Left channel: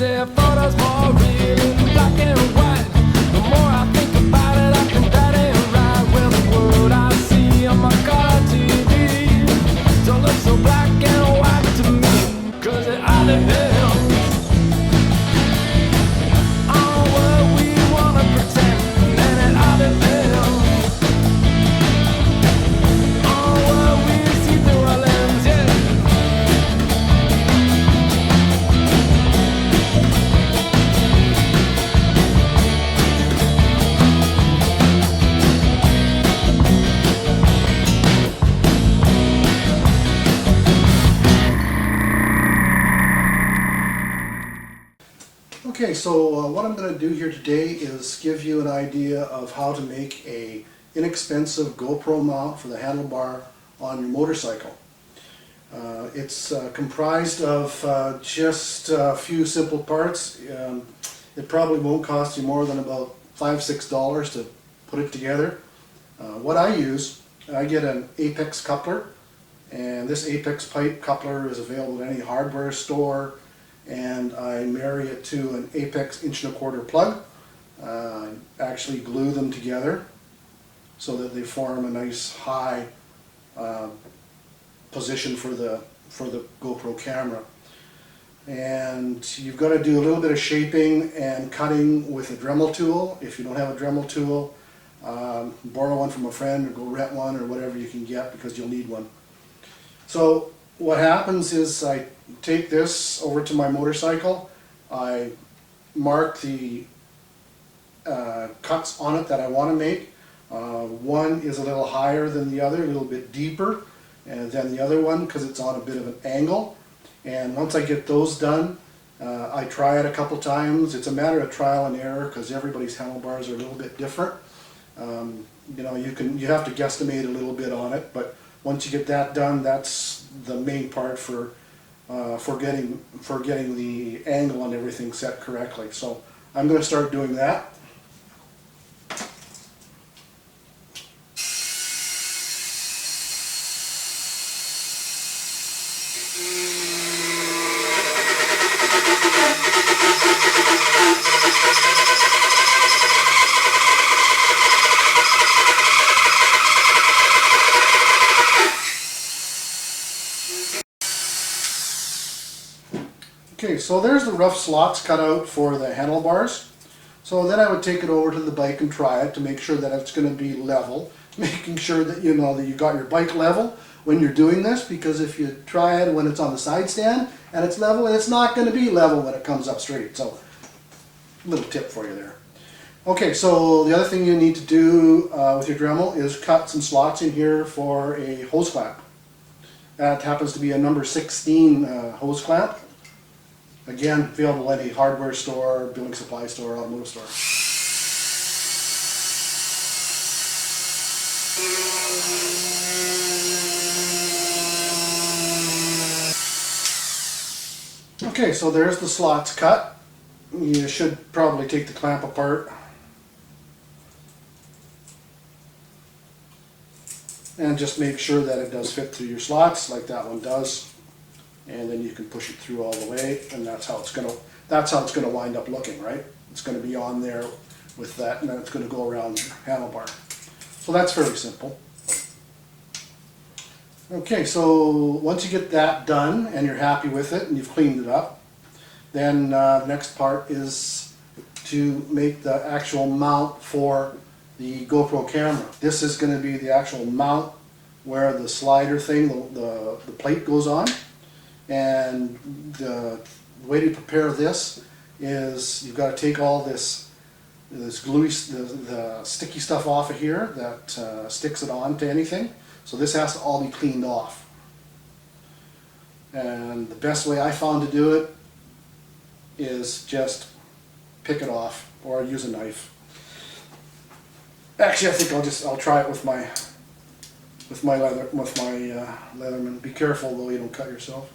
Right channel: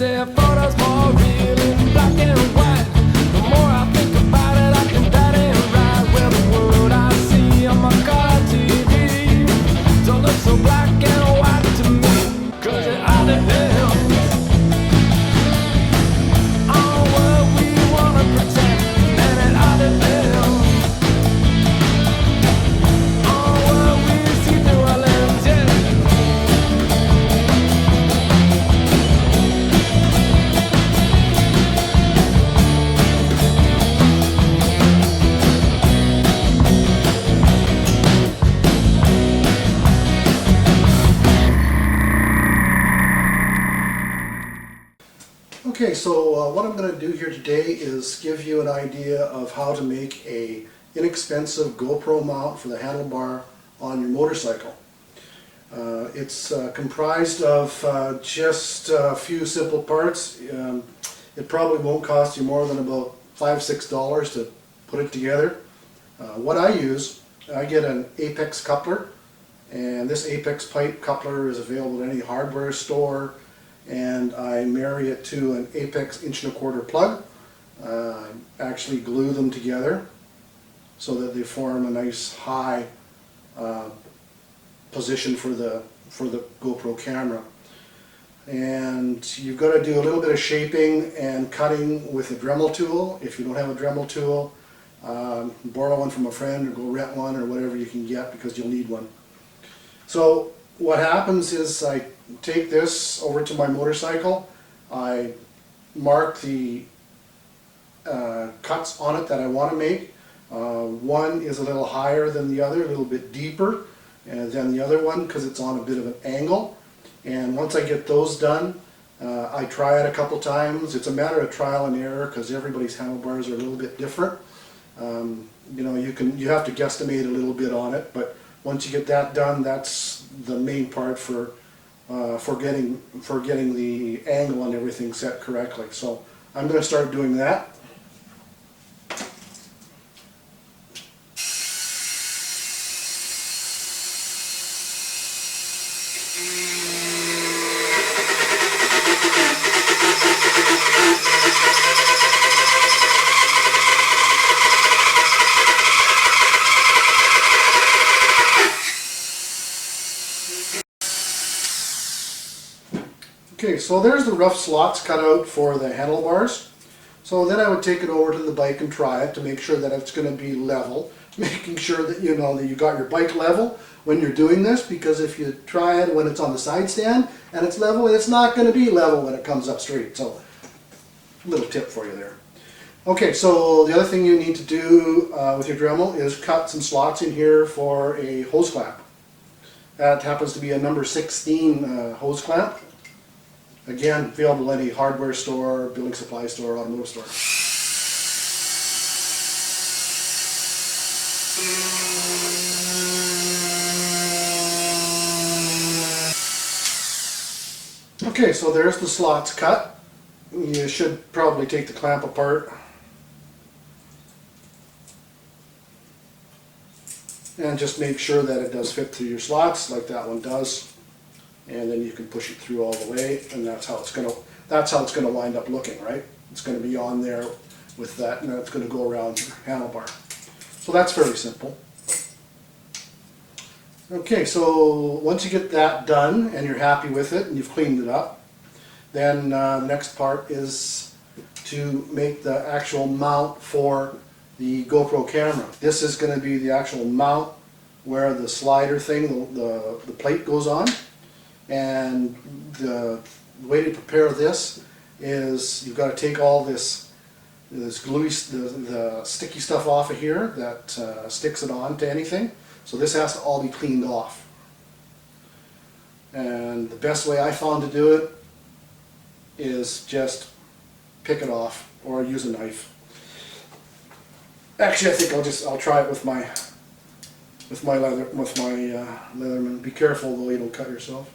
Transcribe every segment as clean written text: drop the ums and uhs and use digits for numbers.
say photos more real in black and white. The more I think about it, I think that ain't right. Well, the world I see on my car TV don't look so black and white to me, 'cause it all depends on what we wanna pretend, and it all depends on what we see through our lens, yeah. Okay, so what I'm going to do here today is give you an idea of how to make a inexpensive GoPro mount for the handlebar on your motorcycle. It's comprised of just a few simple parts. It probably won't cost you more than about $5–6 to put it together. What I use, I get an Apex coupler, and this Apex pipe coupler is available at any hardware store, and I marry it to an Apex 1¼ plug. I actually glue them together so that they form a nice high position for the GoPro camera. And you've got to do a little bit of shaping and cutting with a Dremel tool. If you don't have a Dremel tool, borrow one from a friend or go rent one or whatever you can get, because you'll need one. So what happens is I take this over to my motorcycle, I mark the cuts on it that I want to make. One is a little higher than the other, a little bit deeper than the other one, because it's on a bit of an angle. And once I get those done, I try it a couple times. It's a matter of trial and error, because everybody's handlebars are a little bit different. You know, you have to guesstimate a little bit on it, but once you get that done, that's the main part for getting the angle and everything set correctly. So I'm going to start doing that. Okay, so there's the rough slots cut out for the handlebars. So then I would take it over to the bike and try it to make sure that it's going to be level. Making sure that you know that you got your bike level when you're doing this, because if you try it when it's on the side stand and it's level, it's not going to be level when it comes up straight. So, little tip for you there. Okay, so the other thing you need to do with your Dremel is cut some slots in here for a hose clamp. That happens to be a number 16 hose clamp. Again, available at any hardware store, building supply store, automotive store. Okay, so there's the slots cut. You should probably take the clamp apart and just make sure that it does fit through your slots like that one does. And then you can push it through all the way, and that's how it's gonna wind up looking, right? It's gonna be on there with that, and then it's gonna go around your handlebar. So that's fairly simple. Okay, so once you get that done and you're happy with it and you've cleaned it up, then the next part is to make the actual mount for the GoPro camera. This is going to be the actual mount where the slider thing, the plate goes on. And the way to prepare this is you've got to take all this gluey, the sticky stuff off of here that sticks it on to anything. So this has to all be cleaned off. And the best way I found to do it is just pick it off or use a knife. Actually, I think I'll try it with my Leatherman. Be careful though, you don't cut yourself.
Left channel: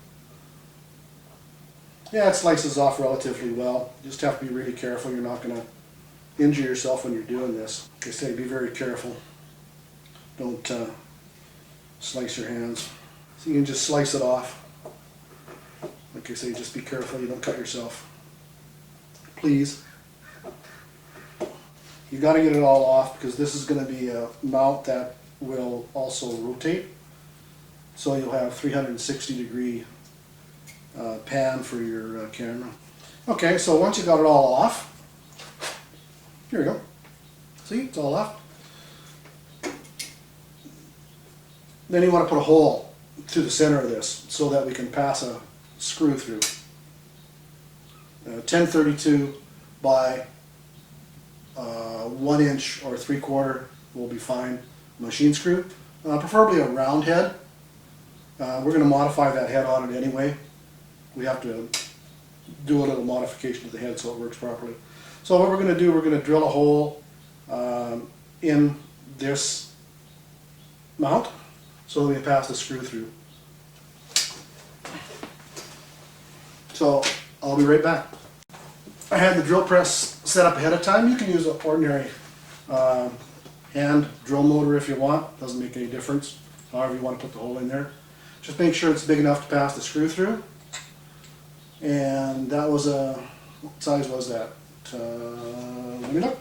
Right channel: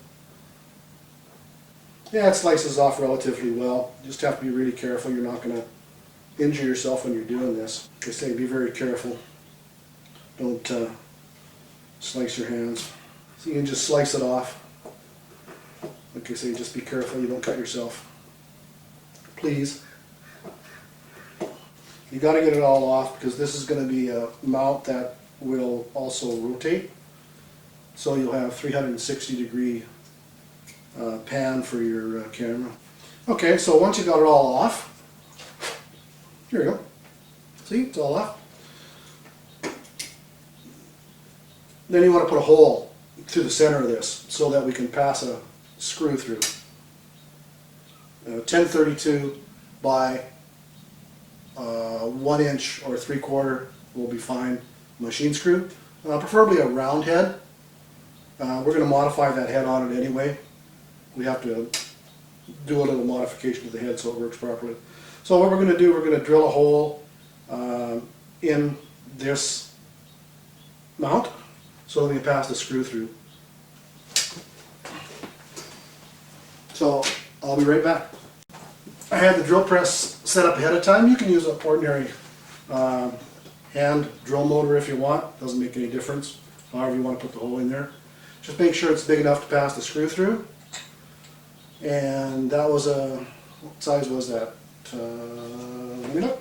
Yeah, it slices off relatively well. You just have to be really careful. You're not going to injure yourself when you're doing this. Like I say, be very careful. Don't slice your hands. So you can just slice it off. Like I say, just be careful you don't cut yourself. please. You got to get it all off because this is going to be a mount that will also rotate. So you'll have 360-degree pan for your camera. Okay, so once you got it all off, here we go. See, it's all off. Then you want to put a hole through the center of this so that we can pass a screw through. 1032 by 1 inch or 3/4 will be fine. Machine screw, preferably a round head. We're going to modify that head on it anyway. We have to do a little modification to the head so it works properly. So what we're going to do, we're going to drill a hole in this mount so that we can pass the screw through. So I'll be right back. I had the drill press set up ahead of time. You can use an ordinary hand drill motor if you want. Doesn't make any difference. However you want to put the hole in there. Just make sure it's big enough to pass the screw through. And that was what size was that? Let me look.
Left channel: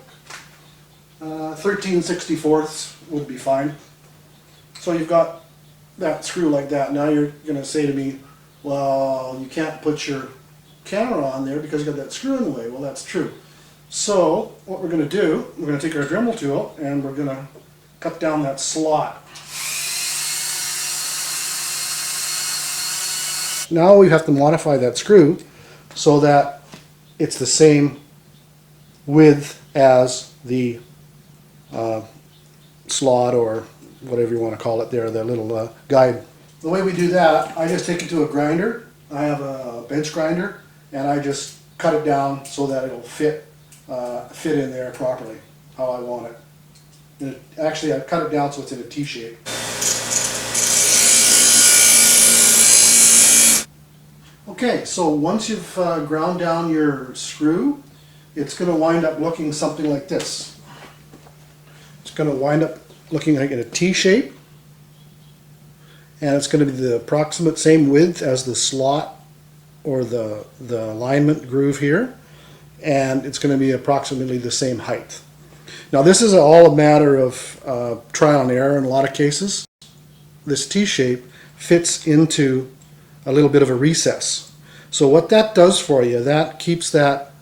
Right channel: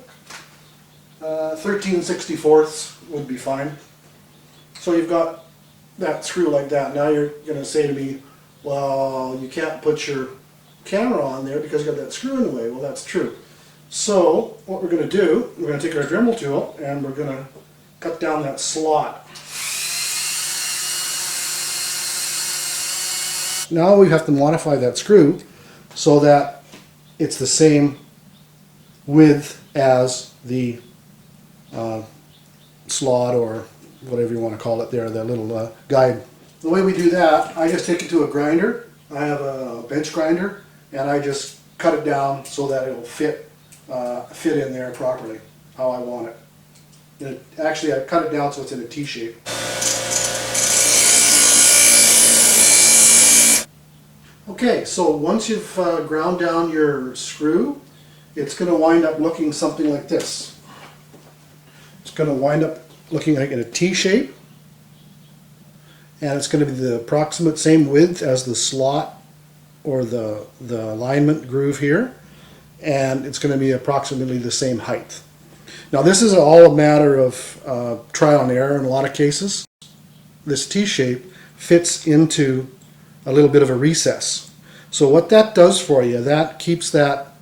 13/64 would be fine. So you've got that screw like that. Now you're going to say to me, well, you can't put your camera on there because you got that screw in the way. Well, that's true. So what we're going to do, we're going to take our Dremel tool and we're going to cut down that slot. Now we have to modify that screw so that it's the same width as the slot or whatever you want to call it there, that little guide. The way we do that, I just take it to a grinder. I have a bench grinder and I just cut it down so that it'll fit in there properly, how I want it. And actually I cut it down so it's in a T shape. Okay, so once you've ground down your screw, it's going to wind up looking something like this. It's going to wind up looking like in a T shape, and it's going to be the approximate same width as the slot or the alignment groove here, and it's going to be approximately the same height. Now this is all a matter of trial and error in a lot of cases. This T shape fits into a little bit of a recess. So what that does for you, that keeps that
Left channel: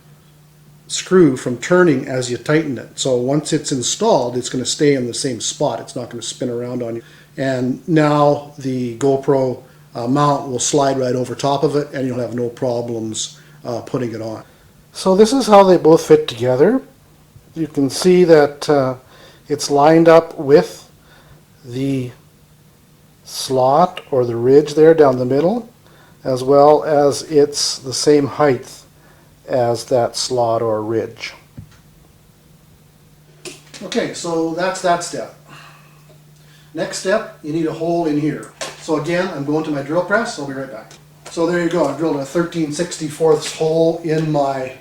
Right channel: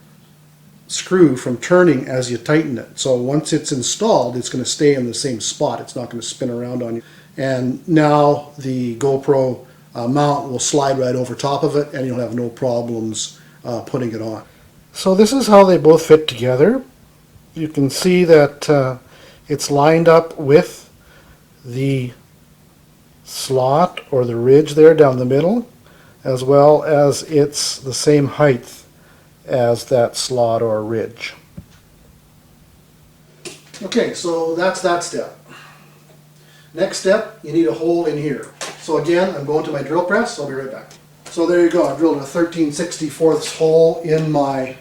screw from turning as you tighten it. So once it's installed, it's going to stay in the same spot. It's not going to spin around on you. And now the GoPro mount will slide right over top of it and you'll have no problems putting it on. So this is how they both fit together. You can see that it's lined up with the slot or the ridge there down the middle, as well as it's the same height as that slot or ridge. Okay, so that's that step. Next step, you need a hole in here. So again, I'm going to my drill press, I'll be right back. So there you go, I drilled a 13/64 hole in my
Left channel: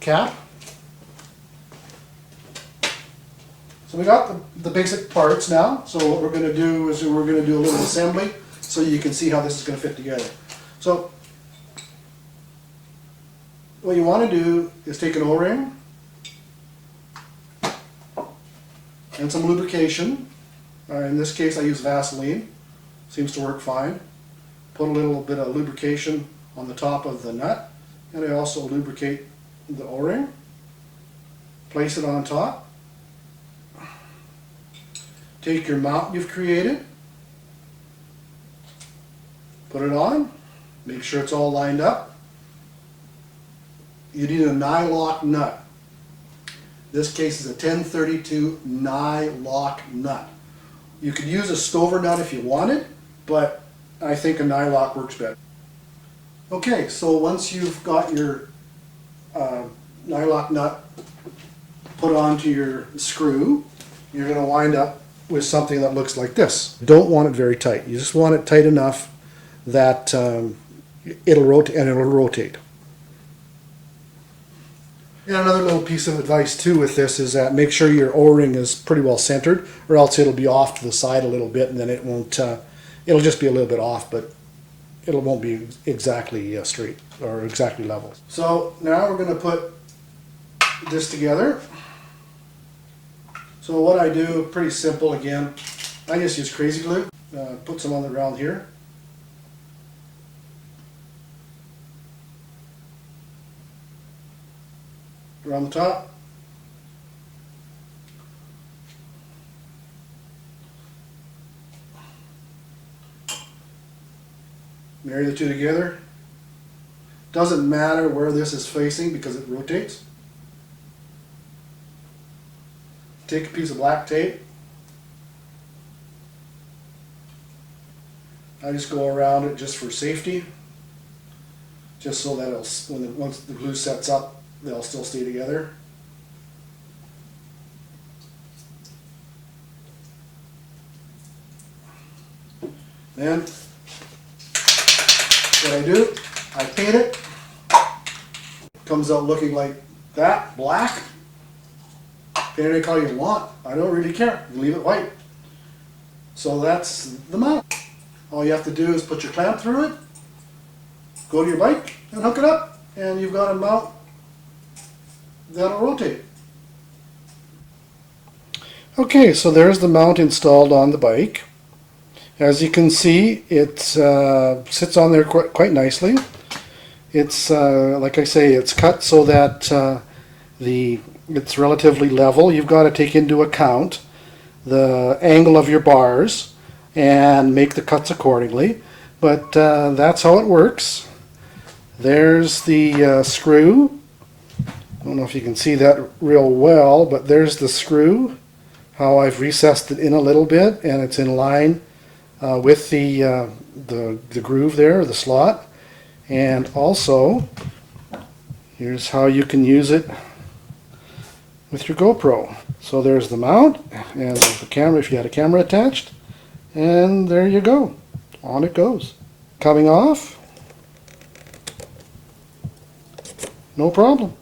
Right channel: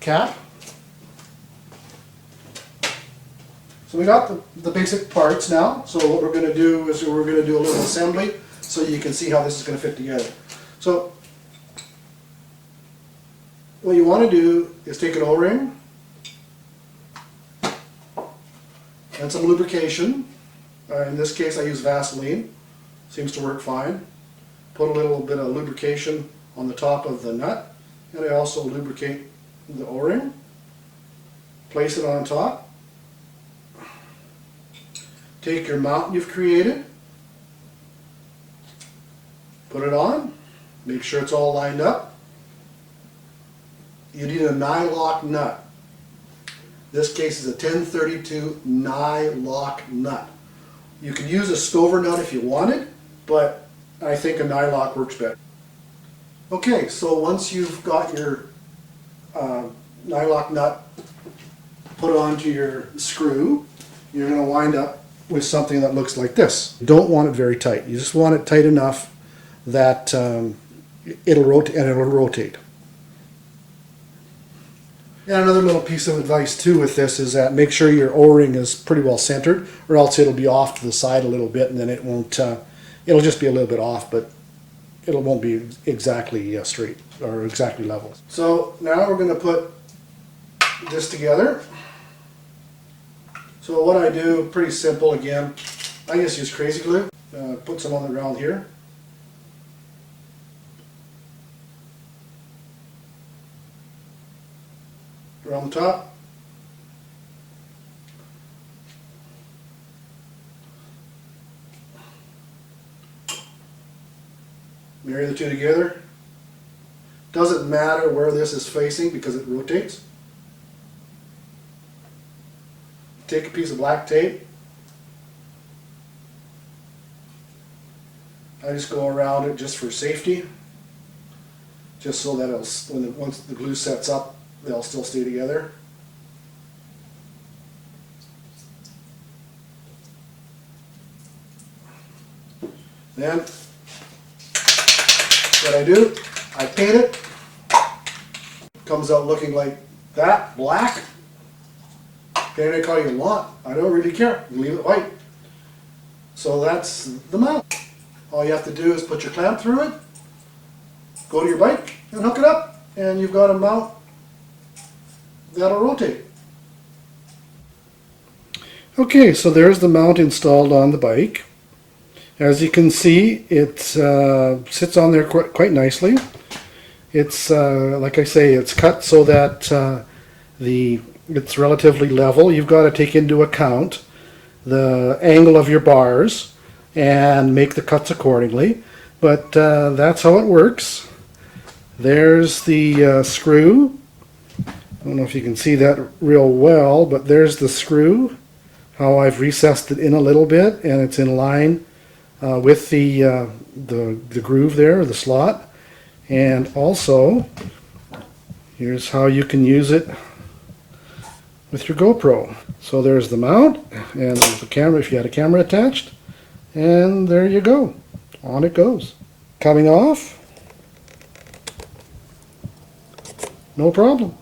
cap. So we got the basic parts now. So what we're going to do is we're going to do a little assembly so you can see how this is going to fit together. So what you want to do is take an O-ring and some lubrication. In this case I use Vaseline. Seems to work fine. Put a little bit of lubrication on the top of the nut, and I also lubricate the O-ring. Place it on top. Take your mount you've created, put it on, make sure it's all lined up. You need a nylock nut. This case is a 1032 nylock nut. You could use a Stover nut if you wanted, but I think a nylock works better. Okay, so once you've got your nylock nut put onto your screw, you're going to wind up with something that looks like this. You don't want it very tight. You just want it tight enough that it'll rotate. And another little piece of advice too with this is that make sure your O-ring is pretty well centered, or else it'll be off to the side a little bit and then it won't, it'll just be a little bit off, but it won't be exactly straight or exactly level. So now we're going to put this together. So what I do, pretty simple again, I just use crazy glue, put some on the ground here. Around the top. Marry the two together. Doesn't matter where this is facing because it rotates. Take a piece of black tape. I just go around it just for safety, just so that it'll, once the glue sets up, they'll still stay together. Then what I do, I paint it. Comes out looking like that, black. Paint any color you want. I don't really care. You leave it white. So that's the mount. All you have to do is put your clamp through it, go to your bike and hook it up, and you've got a mount that'll rotate. Okay, so there's the mount installed on the bike. As you can see, it sits on there quite nicely. It's like I say, it's cut so that it's relatively level. You've got to take into account the angle of your bars and make the cuts accordingly. But that's how it works. There's the screw. I don't know if you can see that real well, but there's the screw. How I've recessed it in a little bit, and it's in line with the groove there, the slot. And also, here's how you can use it with your GoPro. So there's the mount and the camera if you had a camera attached, and there you go. On it goes. Coming off, no problem.